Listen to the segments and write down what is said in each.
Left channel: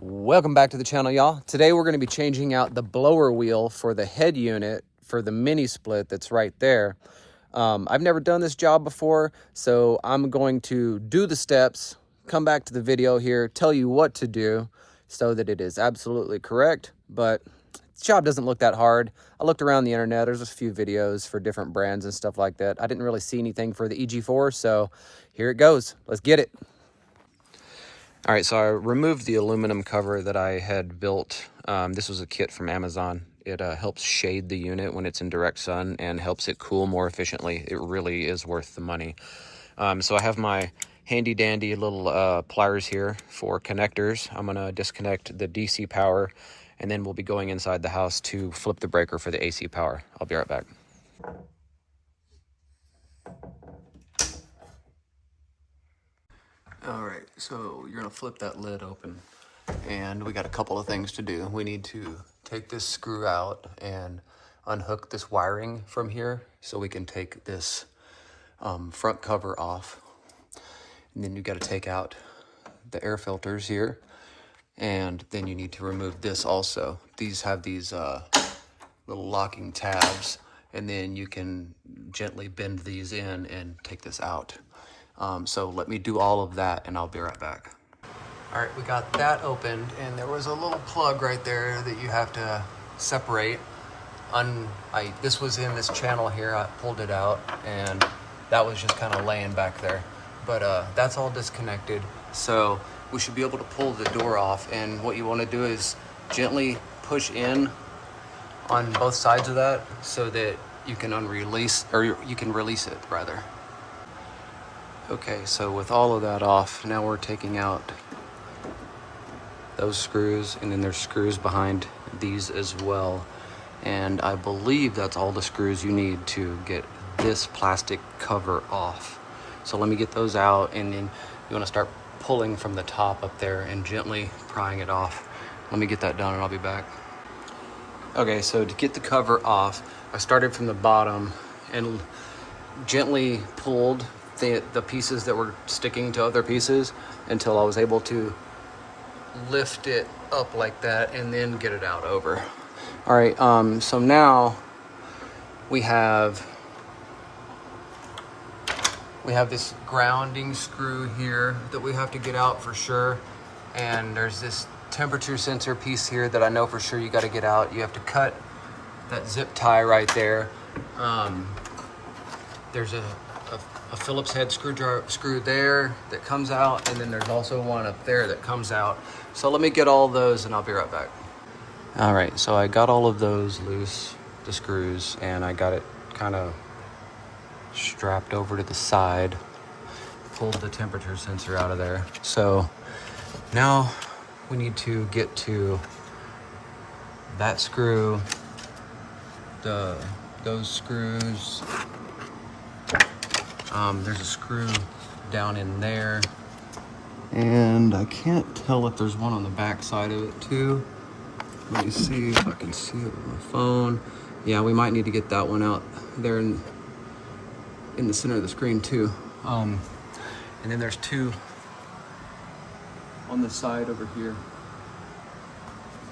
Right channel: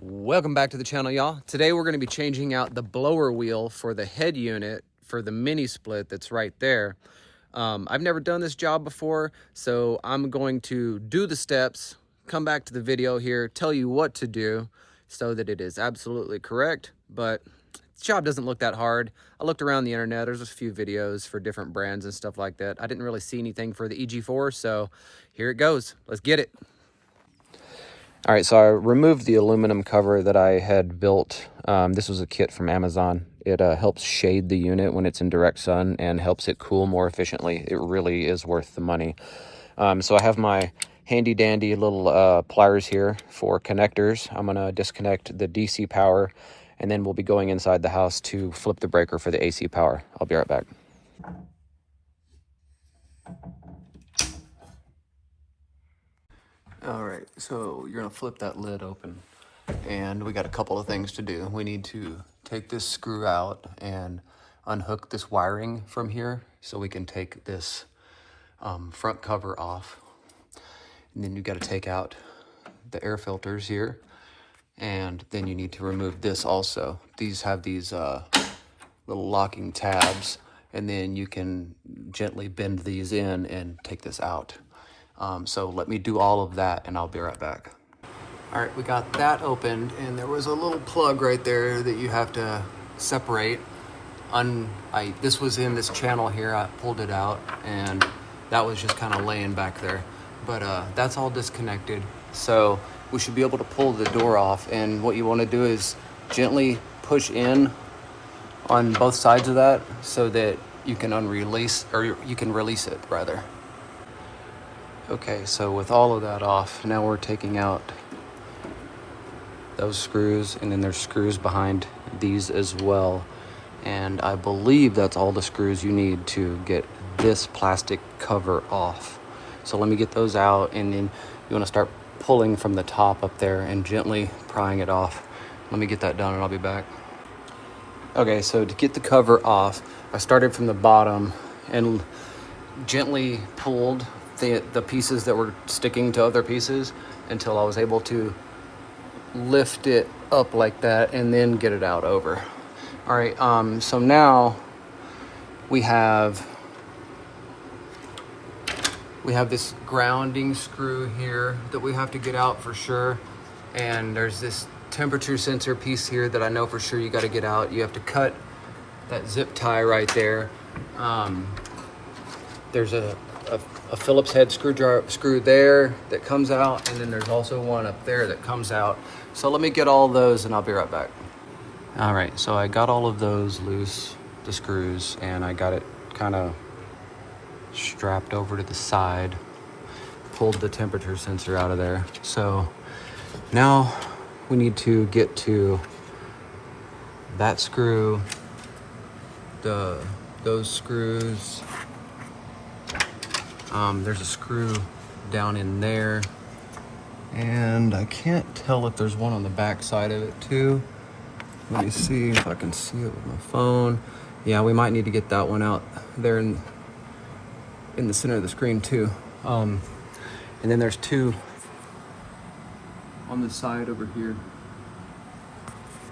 Welcome back to the channel, y'all. Today we're going to be changing out the blower wheel for the head unit for the mini split that's right there. I've never done this job before, so I'm going to do the steps, come back to the video here, tell you what to do so that it is absolutely correct. But this job doesn't look that hard. I looked around the internet. There's a few videos for different brands and stuff like that. I didn't really see anything for the EG4, so here it goes. Let's get it. All right, so I removed the aluminum cover that I had built. This was a kit from Amazon. It helps shade the unit when it's in direct sun and helps it cool more efficiently. It really is worth the money. So I have my handy dandy little pliers here for connectors. I'm gonna disconnect the DC power and then we'll be going inside the house to flip the breaker for the AC power. I'll be right back. All right, so you're gonna flip that lid open and we got a couple of things to do. We need to take this screw out and unhook this wiring from here so we can take this front cover off. And then you got to take out the air filters here, and then you need to remove this also. These have these little locking tabs, and then you can gently bend these in and take this out. So let me do all of that and I'll be right back. All right, we got that opened and there was a little plug right there that you have to separate. This was in this channel here, I pulled it out and that was just kind of laying back there. But that's all disconnected. So we should be able to pull the door off, and what you want to do is gently push in on both sides of that so that you can release it rather. Okay, so with all of that off, now we're taking out those screws, and then there's screws behind these as well. And I believe that's all the screws you need to get this plastic cover off. So let me get those out, and then you want to start pulling from the top up there and gently prying it off. Let me get that done and I'll be back. Okay, so to get the cover off, I started from the bottom and gently pulled the pieces that were sticking to other pieces until I was able to lift it up like that and then get it out over. All right, so now we have this grounding screw here that we have to get out for sure, and there's this temperature sensor piece here that I know for sure you got to get out. You have to cut that zip tie right there. There's a Phillips head screw there that comes out, and then there's also one up there that comes out. So let me get all those and I'll be right back. All right, so I got all of those loose, the screws, and I got it kind of strapped over to the side, pulled the temperature sensor out of there. So now we need to get to that screw, those screws. There's a screw down in there, and I can't tell if there's one on the back side of it too. Let me see if I can see it with my phone. Yeah, we might need to get that one out there in the center of the screen too. And then there's two on the side over here.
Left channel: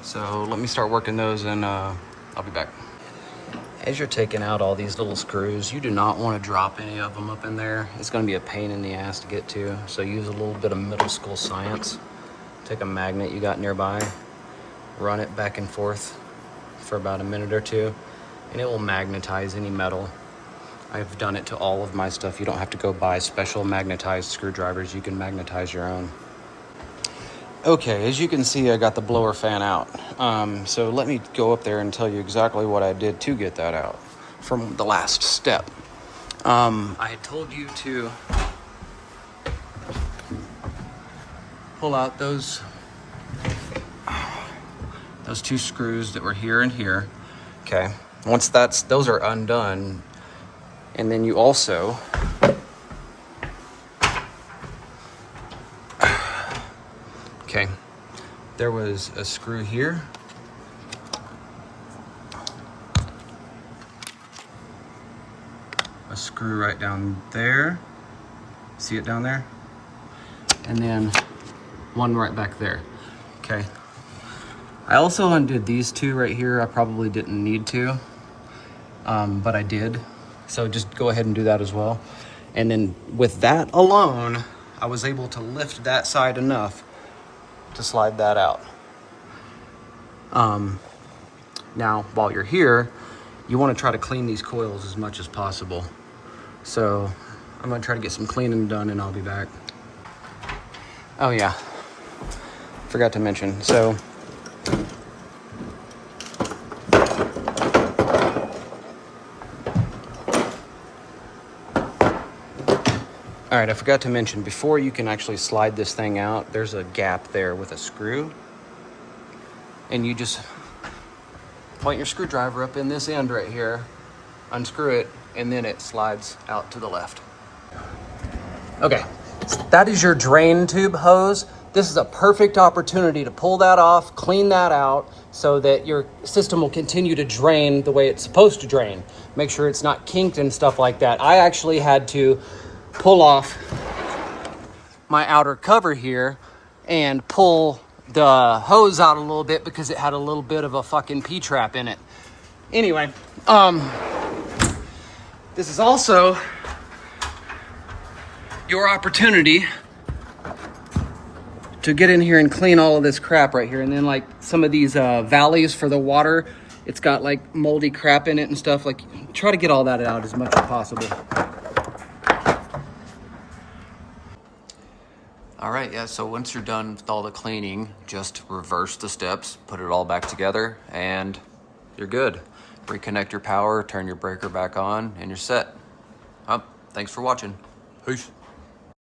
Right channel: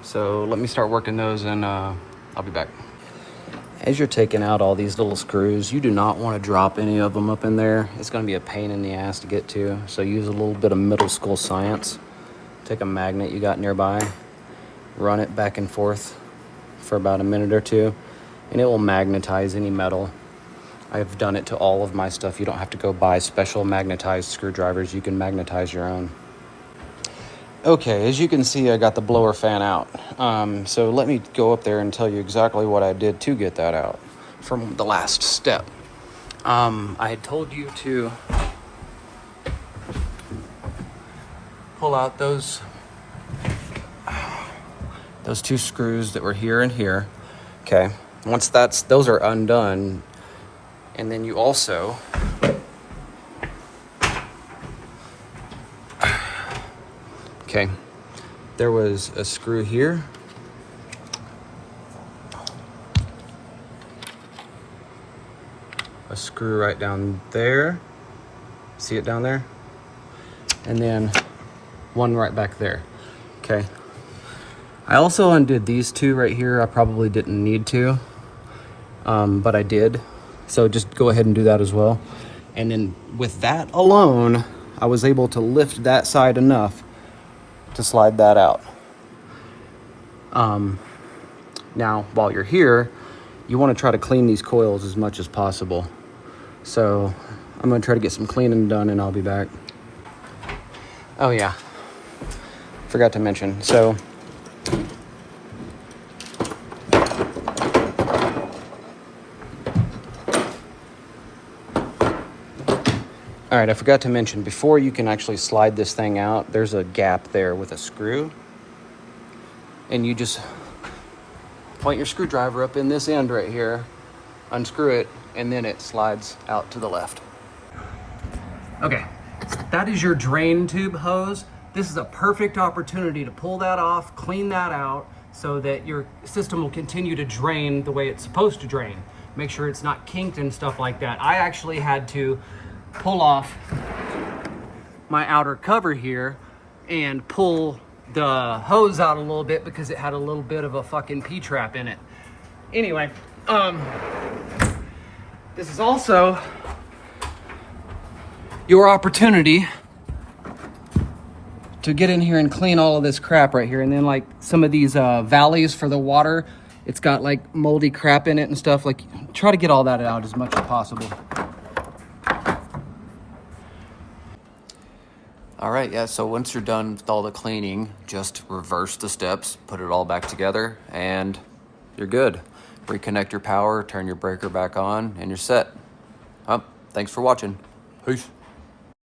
So let me start working those and I'll be back. As you're taking out all these little screws, you do not want to drop any of them up in there. It's going to be a pain in the ass to get to. So use a little bit of middle school science. Take a magnet you got nearby, run it back and forth for about a minute or two, and it will magnetize any metal. I've done it to all of my stuff. You don't have to go buy special magnetized screwdrivers. You can magnetize your own. Okay, as you can see, I got the blower fan out. So let me go up there and tell you exactly what I did to get that out from the last step. I had told you to pull out those two screws that were here and here. Okay, once those are undone, and then you also okay, there was a screw here, a screw right down there, see it down there, and then one right back there. Okay. I also undid these two right here. I probably didn't need to, but I did. So just go ahead and do that as well. And then with that alone, I was able to lift that side enough to slide that out. Now, while you're here, you want to try to clean these coils as much as possible. So I'm going to try to get some cleaning done and I'll be back. Oh yeah, forgot to mention. So all right, I forgot to mention, before you can actually slide this thing out, there's a gap there with a screw. And you just point your screwdriver up in this end right here, unscrew it, and then it slides out to the left. Okay, so that is your drain tube hose. This is a perfect opportunity to pull that off, clean that out, so that your system will continue to drain the way it's supposed to drain. Make sure it's not kinked and stuff like that. I actually had to pull off my outer cover here and pull the hose out a little bit because it had a little bit of a fucking P-trap in it. Anyway, this is also your opportunity to get in here and clean all of this crap right here. And then like some of these valleys for the water, it's got like moldy crap in it and stuff. Like, try to get all that out as much as possible. All right, yeah, so once you're done with all the cleaning, just reverse the steps, put it all back together, and you're good. Reconnect your power, turn your breaker back on, and you're set. Thanks for watching. Peace.